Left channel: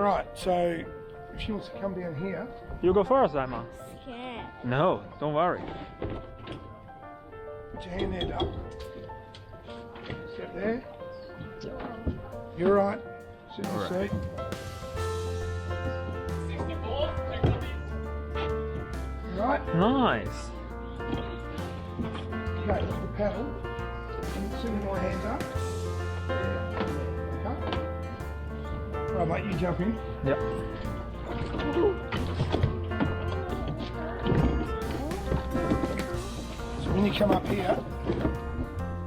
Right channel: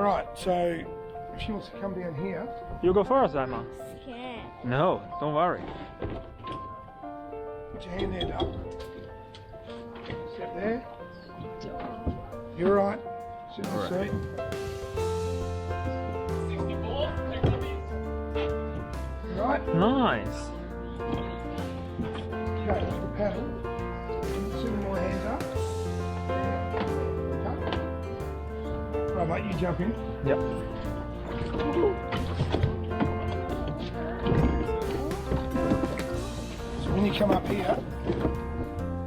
All right, so she wants to come down here. You go first, Emma. Can't. No, don't worry. Put your hand there, Duck. Sit there. You're right. Sit in the seat. You right? Nice. Okay, that's the paddle. And send my hands up. There. Okay. Right, mate, you jump in. Yep. So when you come up here,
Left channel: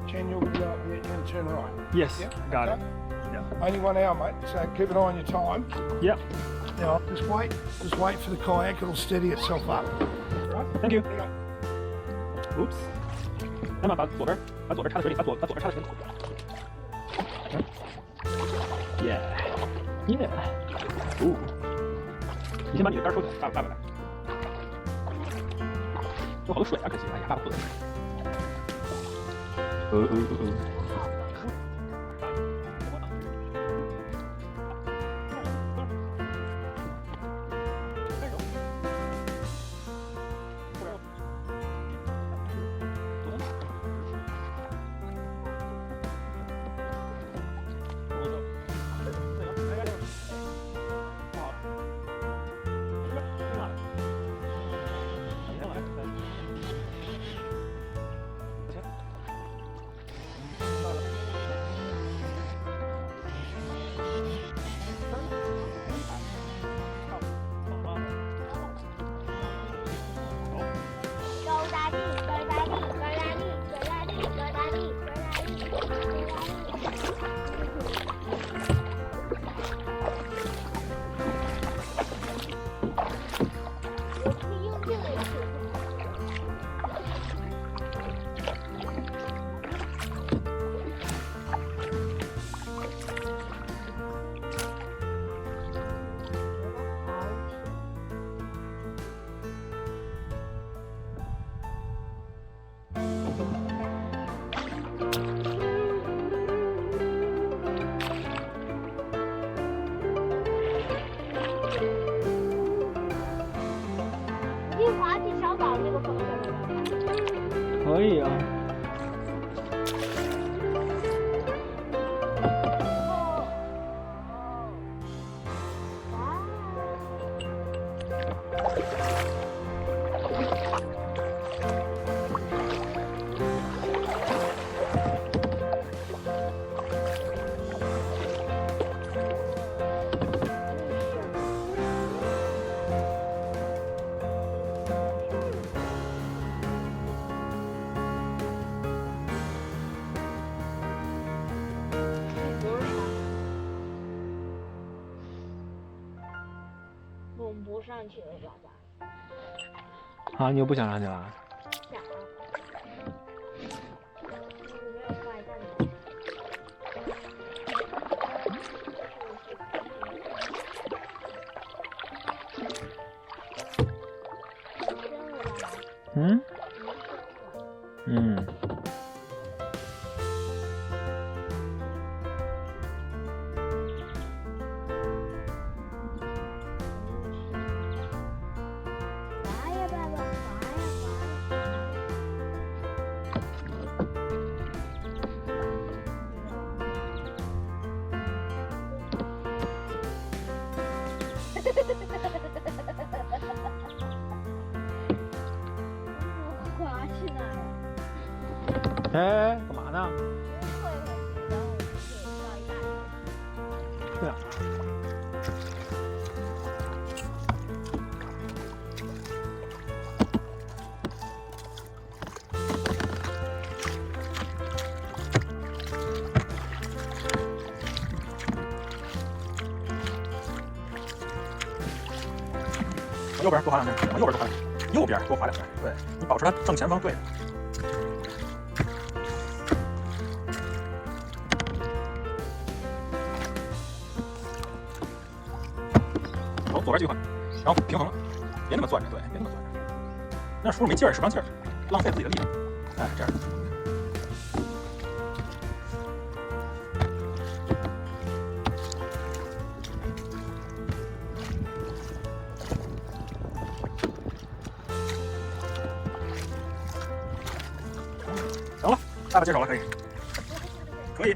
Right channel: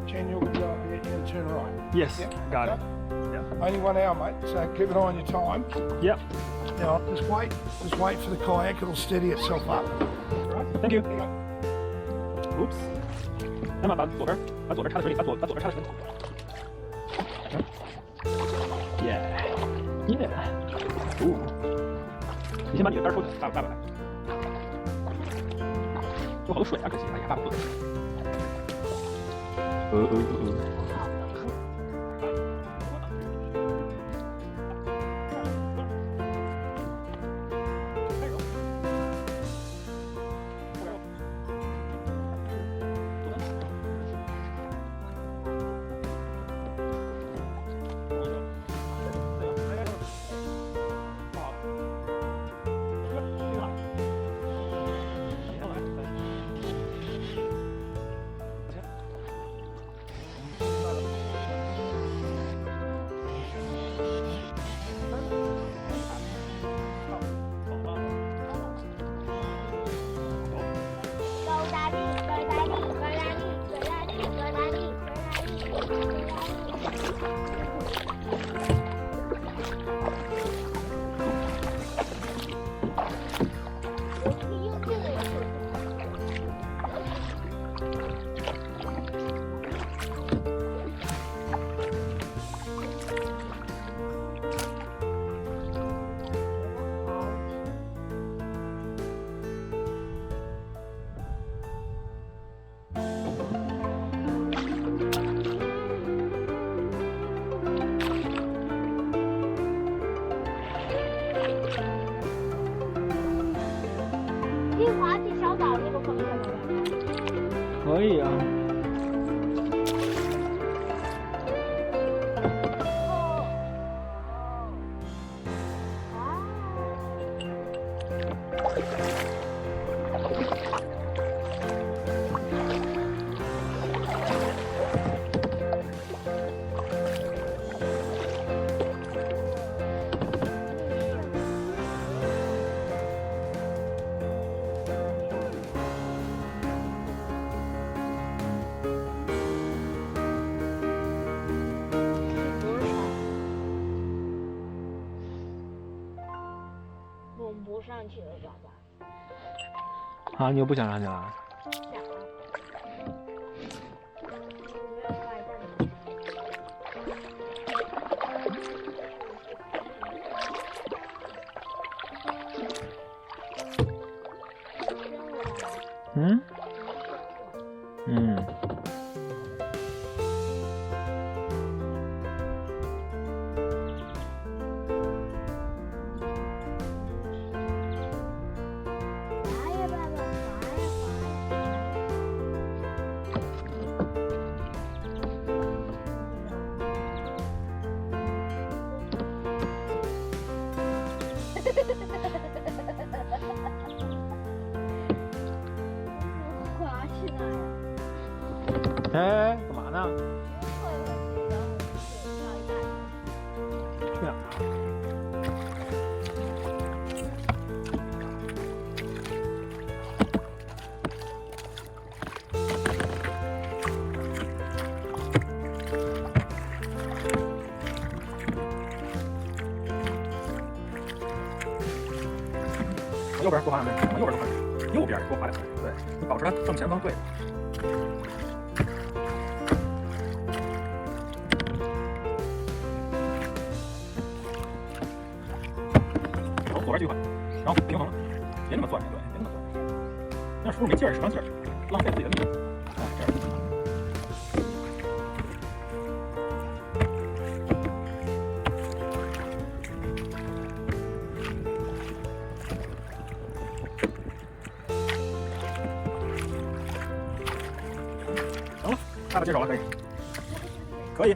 Jen, you're going to go up here, you're going to turn right. Yes, Yep, got okay. it. Yeah. Only 1 hour, mate, so keep an eye on your time. Yep. Now, just wait for the kayak, it'll steady itself up. Right? Thank you. There you go. Oops. 那么把左边插在水里，把左边插在水里。耶，耶。哦。你先把你的杆收起来，爸爸来。有好多水啊，可惜，哎呀，爸爸不能。你滑去小岛那个方向的吗？可以啊。我们不上去了，爸爸。啊，你又不想上去了？想。没有发现呢。嗯？嗯。滑去哪呀？哎，干嘛呢？去哪儿啊？往右边多滑两面，往右边多滑两面，右边多滑两面。对，你保持它正前方对着。走，左边继续滑，然后平衡了，别那么攥着，对，别那么攥着，那样是不是没劲儿，使不上劲儿，浪费自己的力量。哎，这样。爸爸接手了，可以，可以。